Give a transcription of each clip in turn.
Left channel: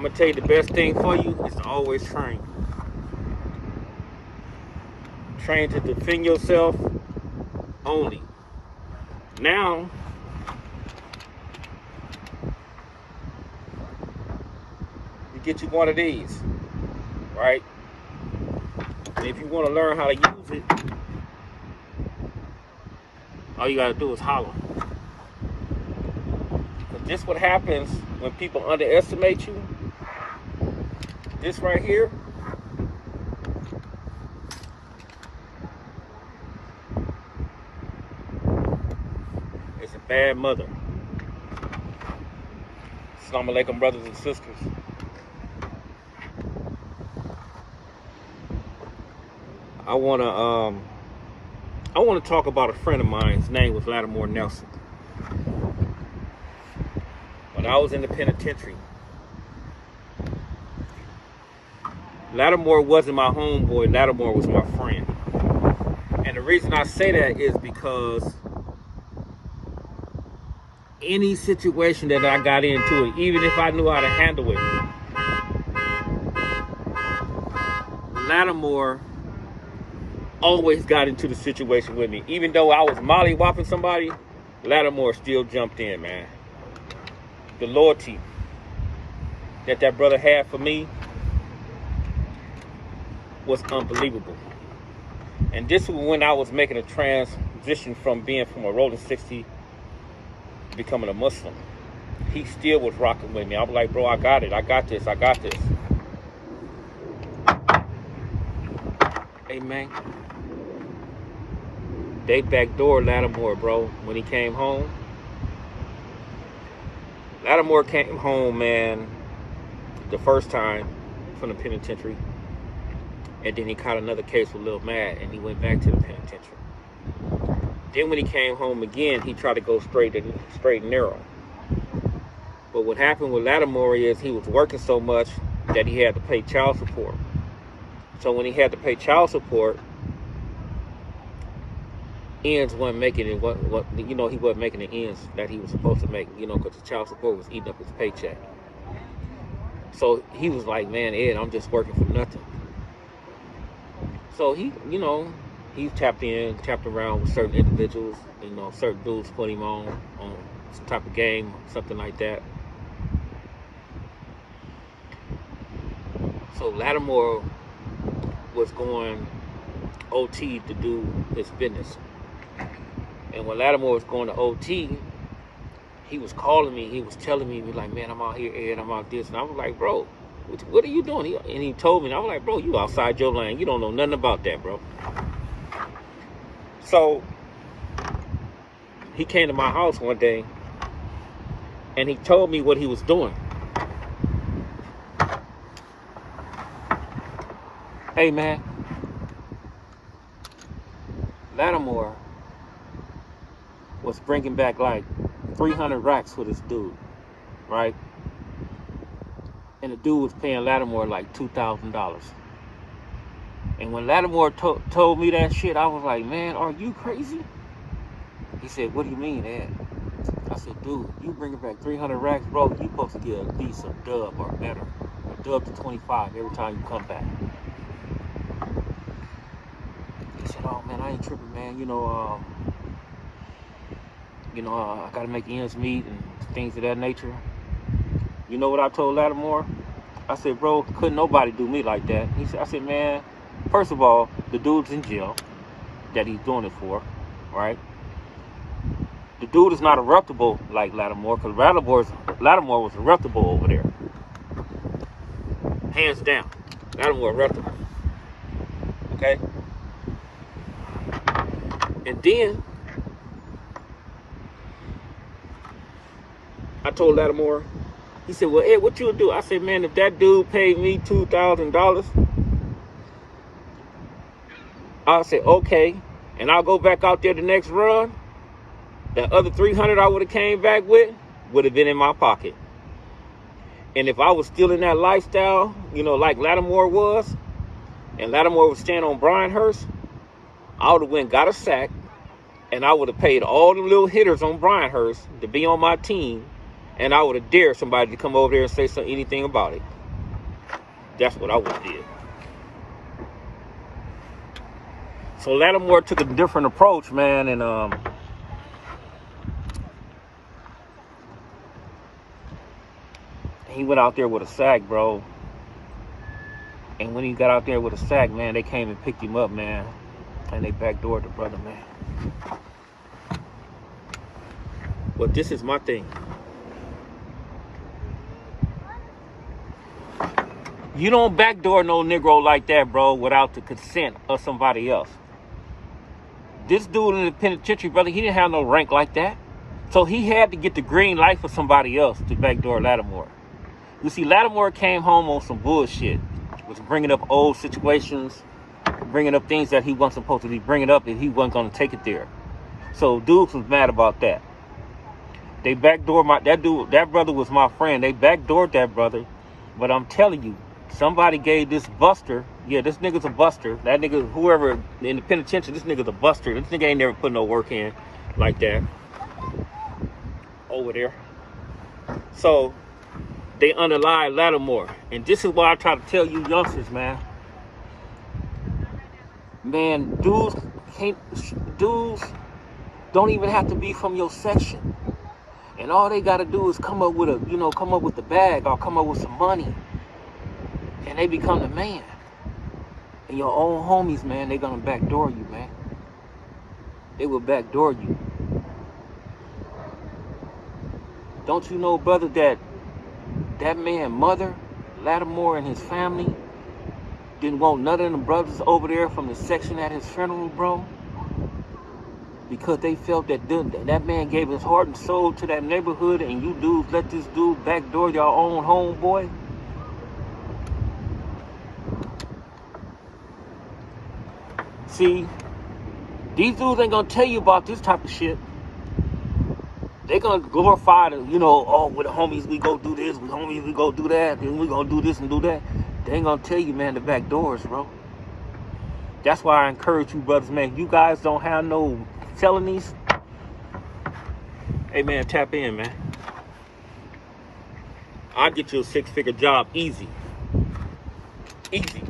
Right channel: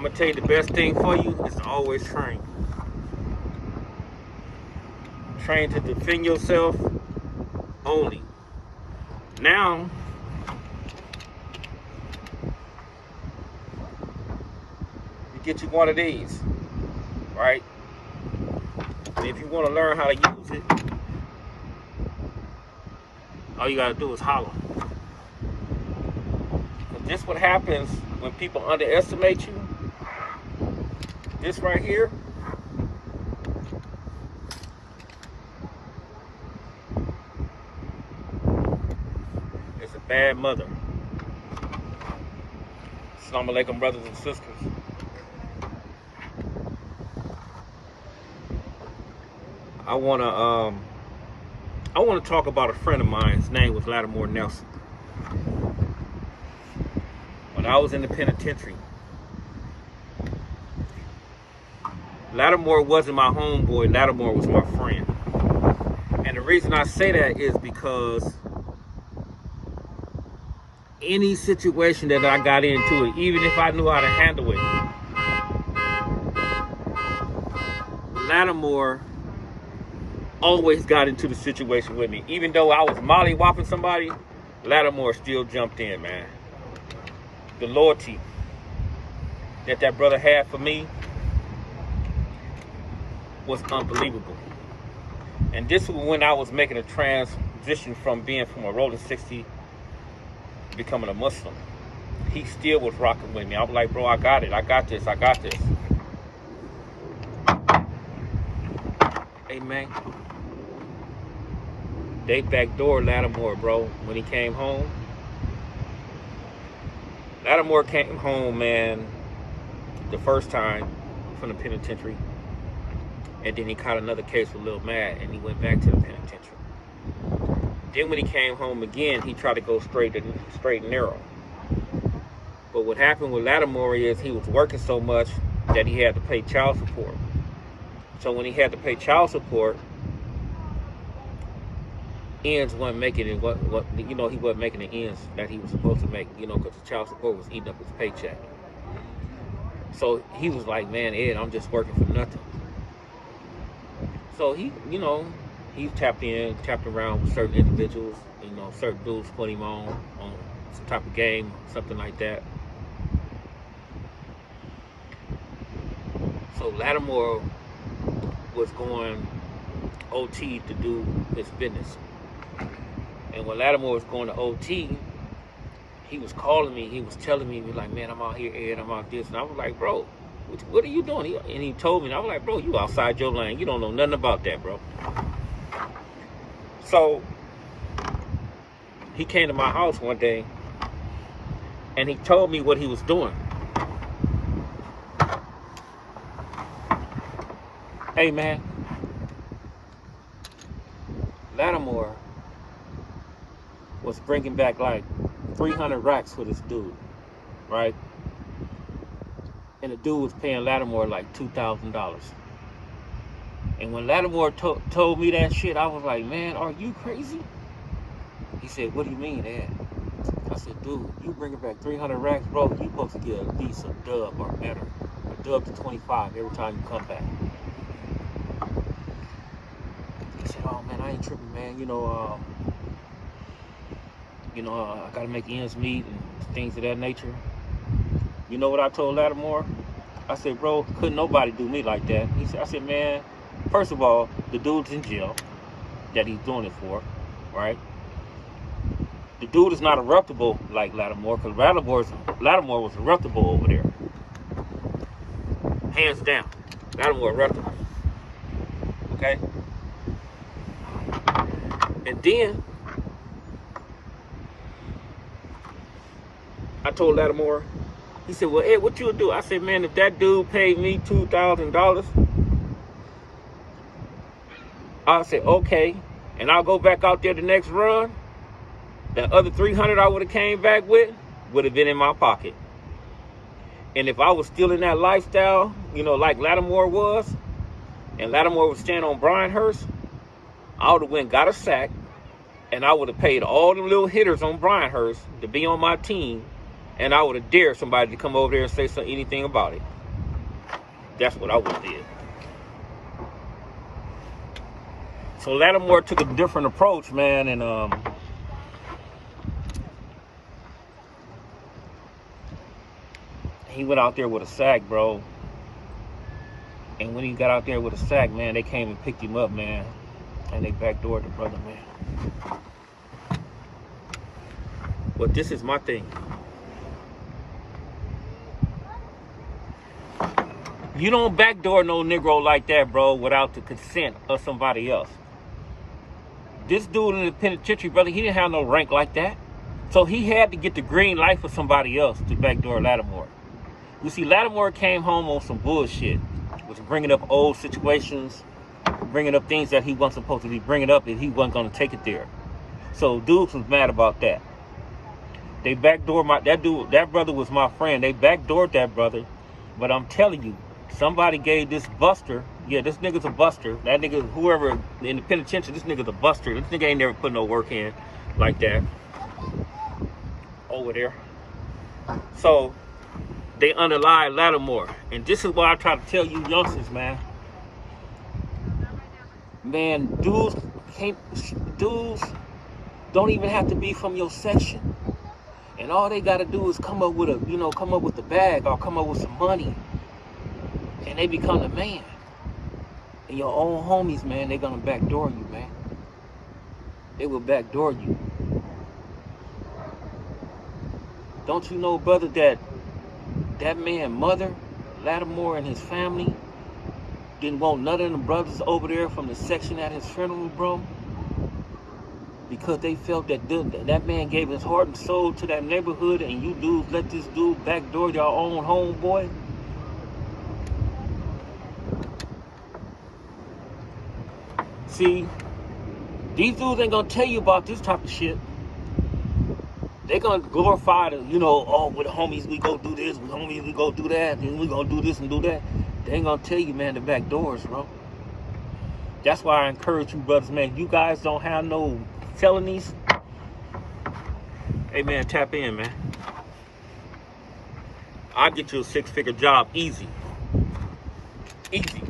I'm gonna tell you the best thing for you is to always train. Train to defend yourself only. Now, you get you one of these, right? And if you want to learn how to use it, all you gotta do is holler. Because this what happens when people underestimate you. This right here is a bad mother. Assalamu alaikum, brothers and sisters. I wanna talk about a friend of mine. His name was Latimore Nelson. When I was in the penitentiary, Latimore wasn't my homeboy. Latimore was my friend. And the reason I say that is because any situation that I got into, even if I knew how to handle it, Latimore always got into the situation with me. Even though I was molly-whopping somebody, Latimore still jumped in, man. The loyalty that brother had for me was unbelievable. And this was when I was making a transition from being from a rolling 60 to becoming a Muslim. He still was rocking with me. I was like, bro, I got it. I got this. I got this. Amen. They backdoored Latimore, bro, when he came home. Latimore came home, man, the first time from the penitentiary. And then he caught another case with Lil Mad, and he went back to the penitentiary. Then when he came home again, he tried to go straight and narrow. But what happened with Latimore is he was working so much that he had to pay child support. So when he had to pay child support, ends wasn't making it. He wasn't making the ends that he was supposed to make. Because the child support was eating up his paycheck. So he was like, man, Ed, I'm just working for nothing. So he tapped around with certain individuals, certain dudes put him on some type of game, something like that. So Latimore was going OT to do his business. And when Latimore was going to OT, he was calling me, he was telling me, he was like, man, I'm out here, Ed, I'm out this. And I was like, bro, what are you doing? And he told me, and I was like, bro, you outside your lane. You don't know nothing about that, bro. So he came to my house one day, and he told me what he was doing. Hey, man, Latimore was bringing back like 300 racks for this dude, right? And the dude was paying Latimore like $2,000. And when Latimore told me that shit, I was like, man, are you crazy? He said, what do you mean, Ed? I said, dude, you bringing back 300 racks, bro, you supposed to get a decent dub or better. A dub to 25 every time you come back. He said, oh, man, I ain't tripping, man. I got to make ends meet and things of that nature. You know what I told Latimore? I said, bro, couldn't nobody do me like that. I said, man, first of all, the dude's in jail that he's doing it for, right? The dude is not eruptible like Latimore, because Latimore was eruptible over there. Hands down. Latimore eruptible. Okay? And then I told Latimore, he said, well, Ed, what you do? I said, man, if that dude paid me $2,000, I said, okay, and I'll go back out there the next run. That other 300 I would have came back with would have been in my pocket. And if I was still in that lifestyle, like Latimore was, and Latimore was staying on Bryanhurst, I would have went got a sack, and I would have paid all the little hitters on Bryanhurst to be on my team, And I would have dared somebody to come over there and say anything about it. That's what I would have did. So Latimore took a different approach, man, and he went out there with a sack, bro. And when he got out there with a sack, man, they came and picked him up, man. And they backdoored the brother, man. But this is my thing. You don't backdoor no Negro like that, bro, without the consent of somebody else. This dude in the penitentiary, brother, he didn't have no rank like that. So he had to get the green light for somebody else to backdoor Latimore. You see, Latimore came home on some bullshit. Was bringing up old situations, bringing up things that he wasn't supposed to be bringing up, and he wasn't going to take it there. So dudes was mad about that. They backdoored that brother was my friend. They backdoored that brother. But I'm telling you, somebody gave this buster, yeah, this nigga's a buster. That nigga, whoever in the penitentiary, this nigga's a buster. This nigga ain't never put no work in like that over there. So they unalive Latimore. And this is why I try to tell you youngsters, man. Man, dudes don't even have to be from your section. And all they gotta do is come up with the bag or come up with some money. And they become the man. And your own homies, man, they gonna backdoor you, man. They will backdoor you. Don't you know, brother, that man, mother, Latimore, and his family didn't want none of them brothers over there from the section at his funeral, bro? Because they felt that that man gave his heart and soul to that neighborhood, and you dudes let this dude backdoor your own homeboy? See, these dudes ain't gonna tell you about this type of shit. They gonna glorify the, oh, with the homies we go do this, with homies we go do that, and we gonna do this and do that. They ain't gonna tell you, man, the back doors, bro. That's why I encourage you, brothers, man. You guys don't have no felonies. Hey, man, tap in, man. I'll get you a 6-figure job, easy. Easy.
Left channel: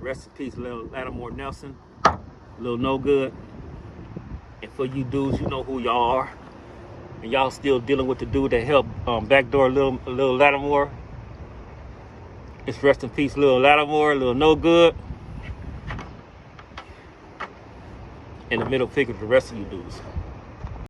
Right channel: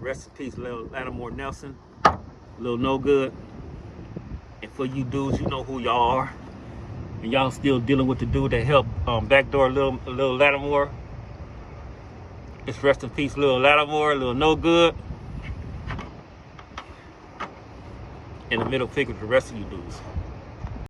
Rest in peace, Lil Latimore Nelson, Lil No Good. And for you dudes, you know who y'all are. And y'all still dealing with the dude that helped backdoor Lil Latimore. It's rest in peace, Lil Latimore, Lil No Good. And the middle finger to the rest of you dudes.